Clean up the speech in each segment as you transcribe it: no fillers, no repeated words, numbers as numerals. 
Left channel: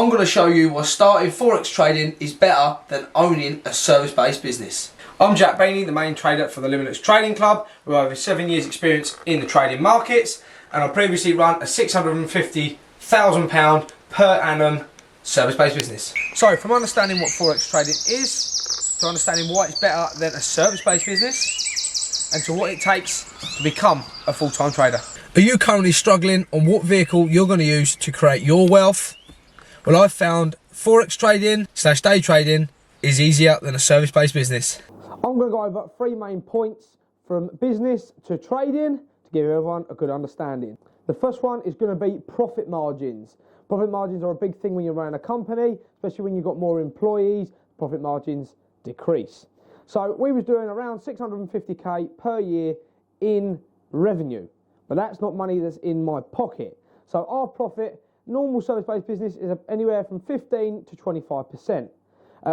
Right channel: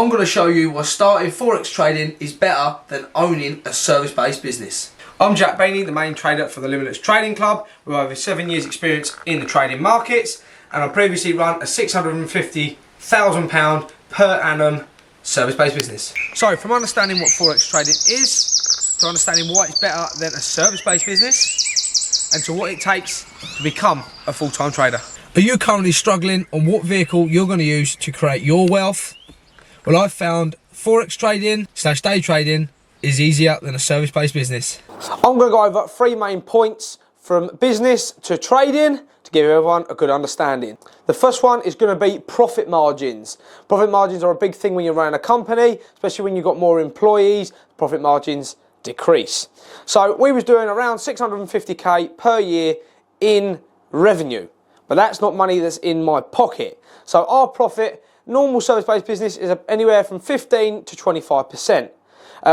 I'm going to show you why starting Forex trading is better than owning a service-based business. I'm Jack Bainey, the main trader for the Limitless Trading Club with over 7 years experience in the trading markets, and I previously run a £650,000 per annum service-based business. So from understanding what Forex trading is, to understanding why it's better than a service-based business, and to what it takes to become a full-time trader. Are you currently struggling on what vehicle you're going to use to create your wealth? Well, I've found Forex trading / day trading is easier than a service-based business. I'm going to go over 3 main points from business to trading to give everyone a good understanding. The first one is going to be profit margins. Profit margins are a big thing when you're running a company, especially when you've got more employees. Profit margins decrease. So we was doing around 650k per year in revenue, but that's not money that's in my pocket. So our profit, normal service-based business, is anywhere from 15 to 25%.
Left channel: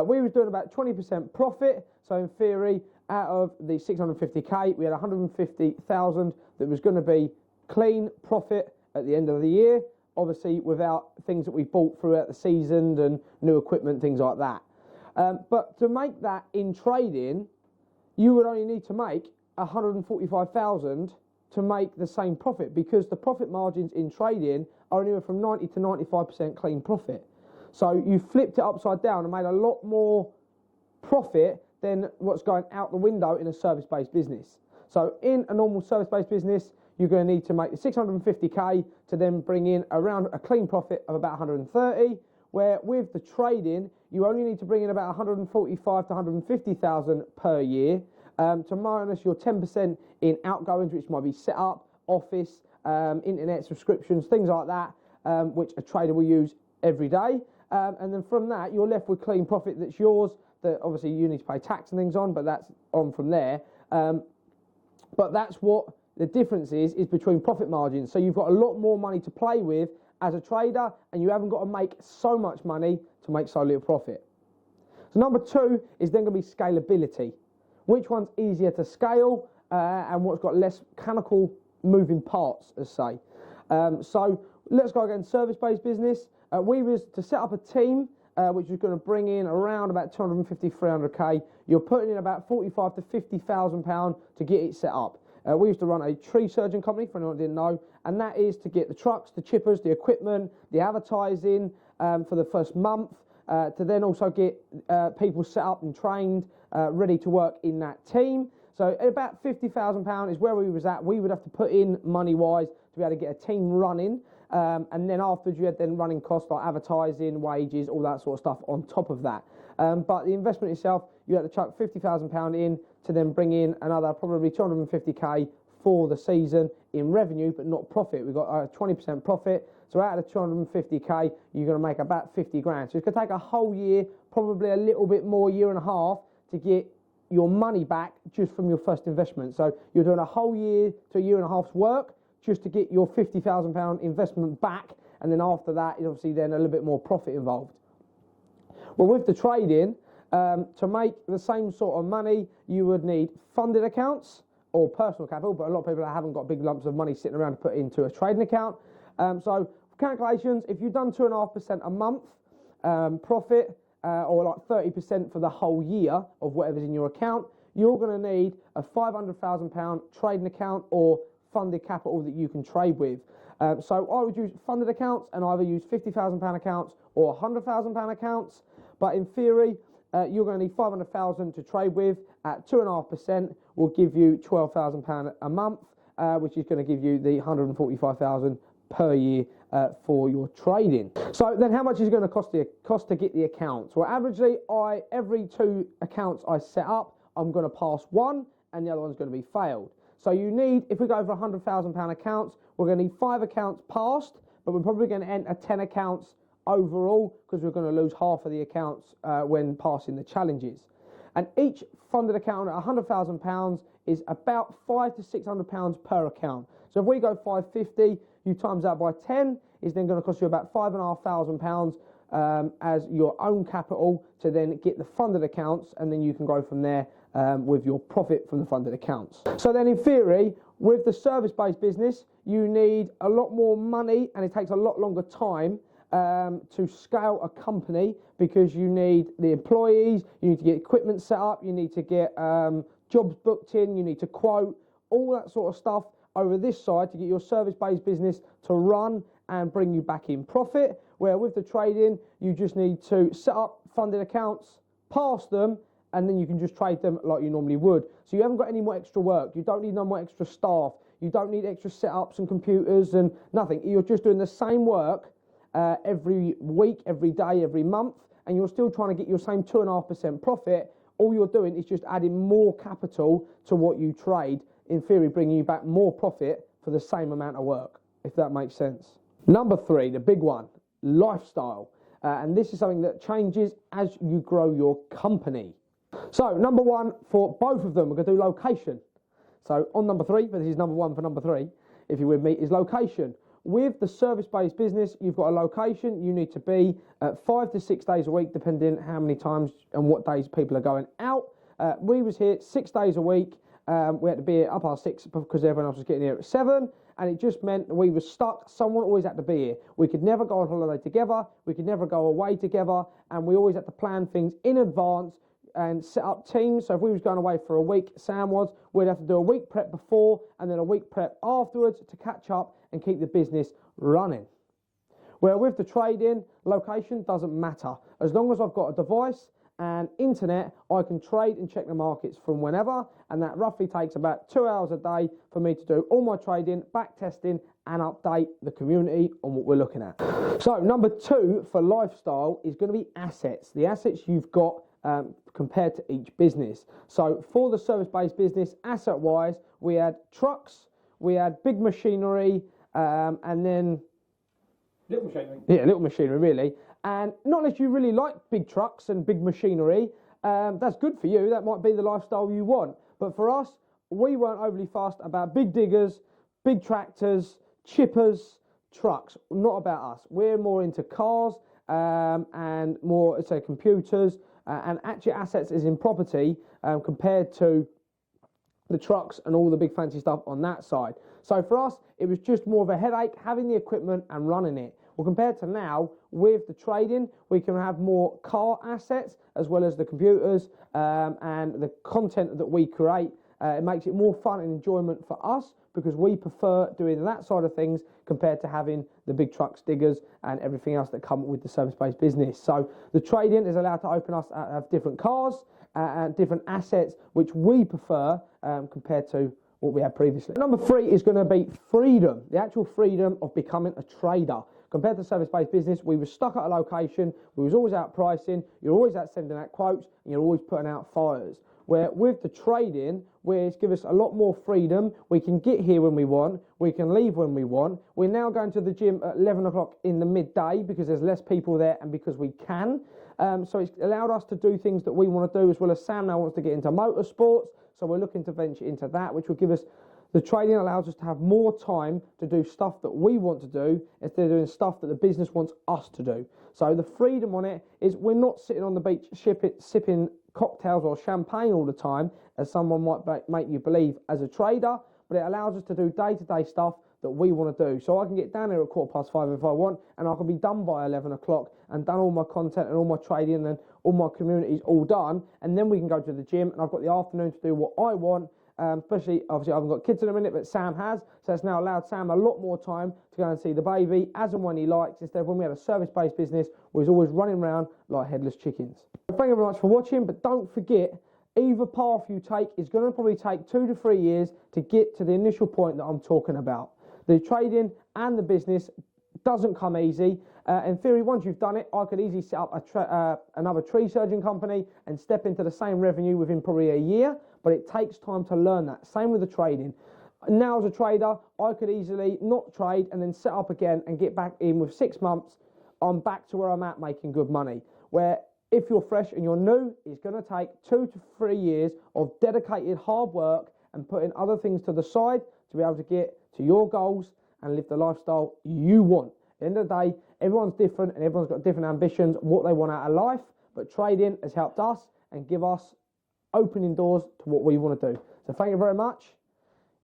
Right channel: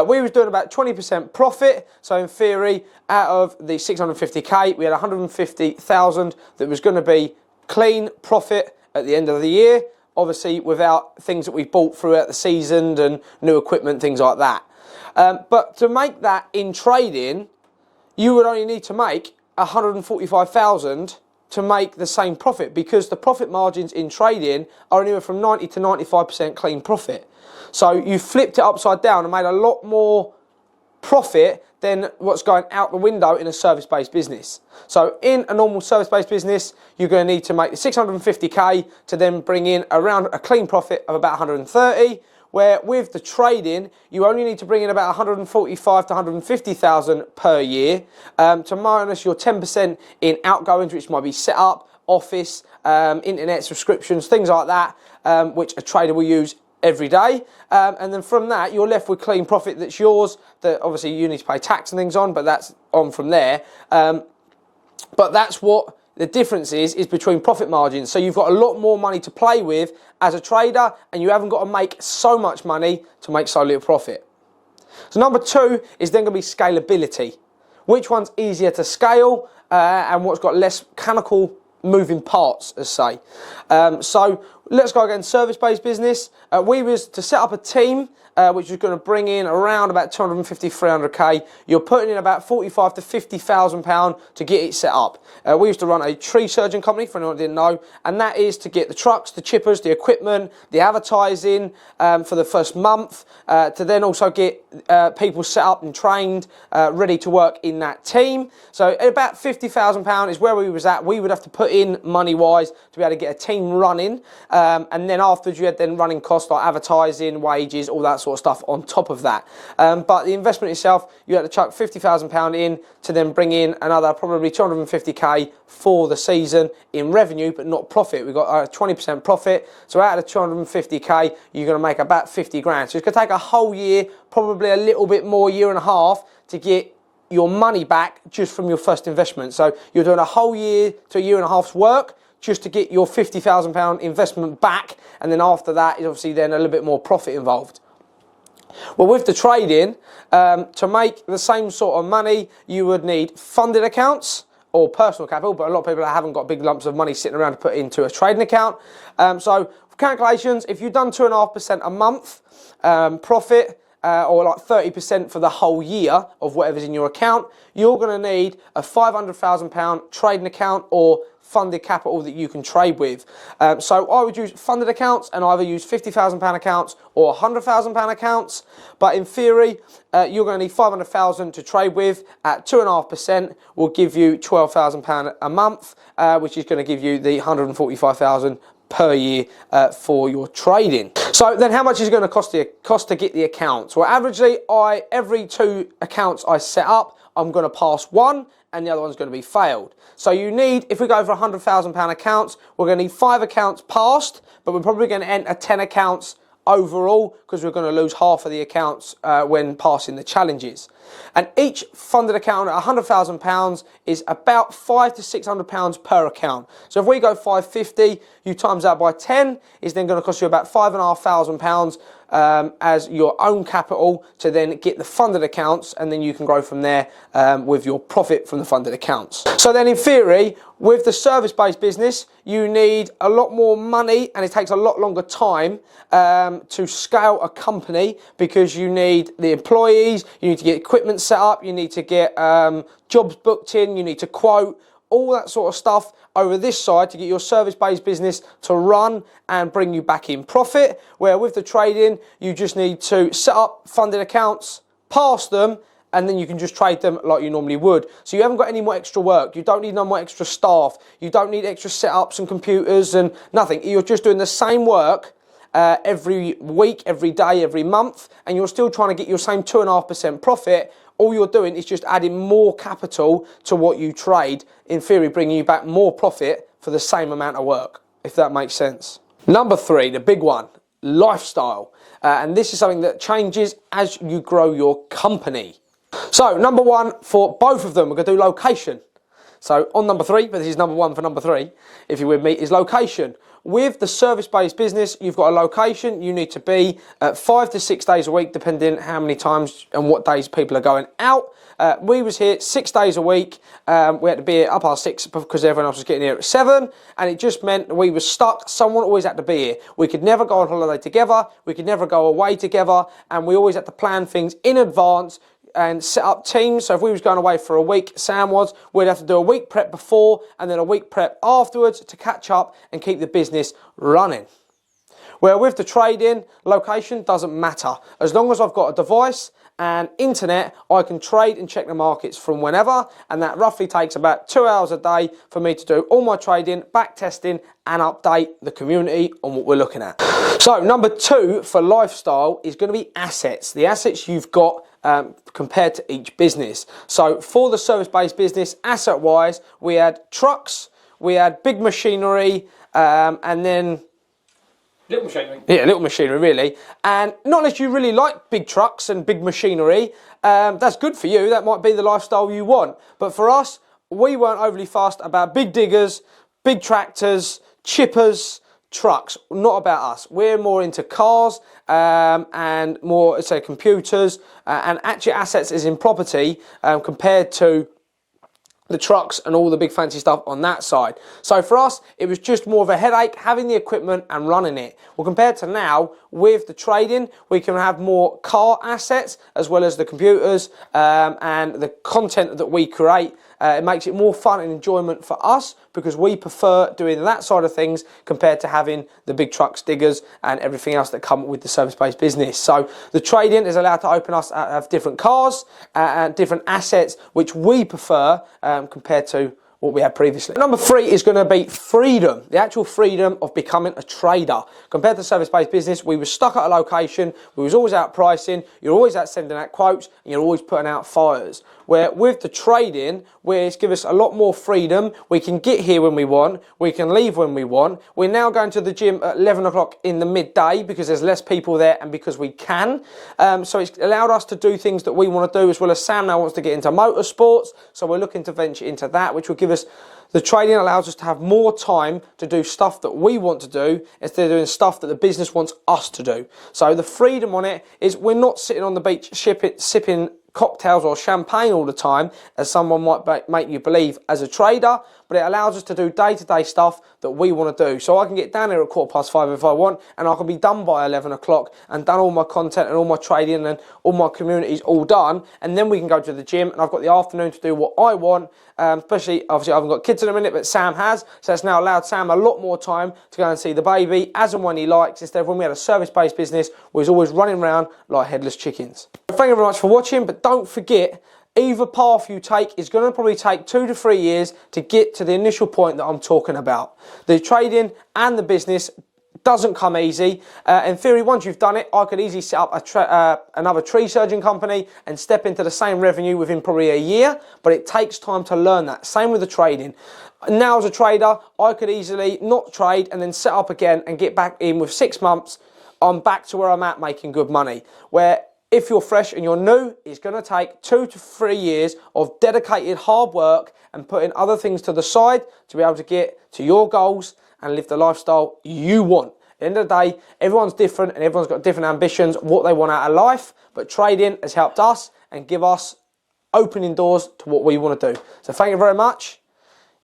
We was doing about 20% profit, so in theory, out of the 650k, we had 150,000 that was going to be clean profit at the end of the year, obviously without things that we bought throughout the season and new equipment, things like that. But to make that in trading, you would only need to make 145,000 to make the same profit, because the profit margins in trading are anywhere from 90 to 95% clean profit. So you flipped it upside down and made a lot more profit than what's going out the window in a service-based business. So in a normal service-based business, you're going to need to make 650k to then bring in around a clean profit of about 130, where with the trading, you only need to bring in about 145 to 150,000 per year to minus your 10% in outgoings, which might be set up, office, internet subscriptions, things like that, which a trader will use every day. And then from that, you're left with clean profit that's yours, that obviously you need to pay tax and things on, but that's on from there. But that's what the difference is between profit margins. So you've got a lot more money to play with as a trader, and you haven't got to make so much money to make so little profit. So number 2 is then going to be scalability. Which one's easier to scale and what's got less mechanical moving parts, as say. So let's go again, service-based business. We was to set up a team which is going to bring in around about 250, 300k. You're putting in about 45 to 50,000 pounds to get it set up. We used to run a tree surgeon company, for anyone who didn't know, and that is to get the trucks, the chippers, the equipment, the advertising for the first month, to then also get people set up and trained, ready to work in that team. So at about 50,000 pounds is where we was at. We would have to put in money-wise to be able to get a team running, and then afterwards you had then running costs like advertising, wages, all that sort of stuff on top of that. But the investment itself, you had to chuck 50,000 pounds in to then bring in another probably 250k for the season in revenue, but not profit. We got a 20% profit, so out of the 250k, you're going to make about 50 grand. So it's going to take a whole year, probably a little bit more, year and a half, to get your money back just from your first investment. So you're doing a whole year to a year and a half's work just to get your 50,000 pound investment back, and then after that is obviously then a little bit more profit involved. Well, with the trading, to make the same sort of money, you would need funded accounts or personal capital, but a lot of people haven't got big lumps of money sitting around to put into a trading account. So for calculations, if you've done 2.5% a month profit, or like 30% for the whole year of whatever's in your account, you're going to need a £500,000 trading account or funded capital that you can trade with. So I would use funded accounts and either use £50,000 accounts or £100,000 accounts. But in theory, you're going to need 500,000 to trade with. At 2.5% will give you £12,000 a month, which is going to give you the 145,000 per year for your trading. So then how much is it going to cost to get the accounts? Well, averagely, every 2 accounts I set up, I'm going to pass one and the other one's going to be failed. So you need, if we go for £100,000 accounts, we're going to need 5 accounts passed, but we're probably going to enter 10 accounts overall because we're going to lose half of the accounts when passing the challenges. And each funded account at £100,000 is about £500 to £600 per account. So if we go 550, you times that by 10, is then going to cost you about £5,500 as your own capital to then get the funded accounts, and then you can grow from there with your profit from the funded accounts. So then in theory, with the service-based business, you need a lot more money and it takes a lot longer time to scale a company, because you need the employees, you need to get equipment set up, you need to get jobs booked in, you need to quote, all that sort of stuff over this side to get your service-based business to run and bring you back in profit. Where with the trading, you just need to set up funded accounts, pass them, and then you can just trade them like you normally would. So you haven't got any more extra work. You don't need no more extra staff. You don't need extra setups and computers and nothing. You're just doing the same work every week, every day, every month, and you're still trying to get your same 2.5% profit. All you're doing is just adding more capital to what you trade, in theory bringing you back more profit for the same amount of work, if that makes sense. Number 3, the big one, lifestyle. And this is something that changes as you grow your company. So number 1 for both of them, we're going to do location. So on number 3, but this is number 1 for number 3, if you're with me, is location. With the service-based business, you've got a location. You need to be 5 to 6 days a week, depending how many times and what days people are going out. We was here 6 days a week. We had to be here up past 6 because everyone else was getting here at 7, and it just meant we were stuck. Someone always had to be here. We could never go on holiday together. We could never go away together, and we always had to plan things in advance and set up teams. So if we was going away for a week, Sam was, we'd have to do a week prep before and then a week prep afterwards to catch up and keep the business running. Where with the trading, location doesn't matter. As long as I've got a device and internet, I can trade and check the markets from whenever, and that roughly takes about 2 hours a day for me to do all my trading, back testing, and update the community on what we're looking at. So number 2 for lifestyle is going to be assets. The assets you've got compared to each business. So for the service-based business, asset-wise, we had trucks, we had big machinery, and then little machinery. Yeah, little machinery, really. And not unless you really like big trucks and big machinery, that's good for you. That might be the lifestyle you want. But for us, we weren't overly fussed about big diggers, big tractors, chippers, trucks. Not about us. We're more into cars and more, say, computers and actually assets as in property compared to the trucks and all the big fancy stuff on that side. So for us, it was just more of a headache having the equipment and running it. Well, compared to now, with the trading, we can have more car assets as well as the computers and the content that we create. It makes it more fun and enjoyment for us because we prefer doing that side of things compared to having the big trucks, diggers, and everything else that come with the service-based business. So the trading is allowed to open us have different cars and different assets, which we prefer compared to what we had previously. Number 3 is going to be freedom, the actual freedom of becoming a trader. Compared to service-based business, we were stuck at a location, we was always out pricing, you're always out sending out quotes, and you're always putting out fires. Where with the trading, it's give us a lot more freedom. We can get here when we want, we can leave when we want. We're now going to the gym at 11 o'clock in the midday because there's less people there and because we can. So it's allowed us to do things that we want to do, as well as Sam now wants to get into motorsports. So we're looking to venture into that, which will give us, the trading allows us to have more time to do stuff that we want to do instead of doing stuff that the business wants us to do. So the freedom on it is we're not sitting on the beach sipping cocktails or champagne all the time, as someone might make you believe as a trader, but it allows us to do day-to-day stuff that we want to do. So I can get down here at 5:15 if I want, and I can be done by 11 o'clock and done all my content and all my trading and all my communities all done, and then we can go to the gym, and I've got the afternoon to do what I want, especially, obviously I haven't got kids in a minute, but Sam has, so it's now allowed Sam a lot more time to go and see the baby as and when he likes, instead of when we had a service-based business, we was always running around like headless chickens. Thank you very much for watching, but don't forget, either path you take is going to probably take 2 to 3 years to get to the initial point that I'm talking about. The trading and the business doesn't come easy. In theory, once you've done it, I could easily set up another tree surgeon company and step into the same revenue within probably a year, but it takes time to learn that. Same with the trading. Now as a trader, I could easily not trade and then set up again and get back in with 6 months. I'm back to where I'm at making good money. Where If you're fresh and you're new, it's going to take 2 to 3 years of dedicated hard work and putting other things to the side to be able to get to your goals and live the lifestyle you want. At the end of the day, everyone's different and everyone's got different ambitions, what they want out of life, but trading has helped us and give us opening doors to what we want to do. So thank you very much.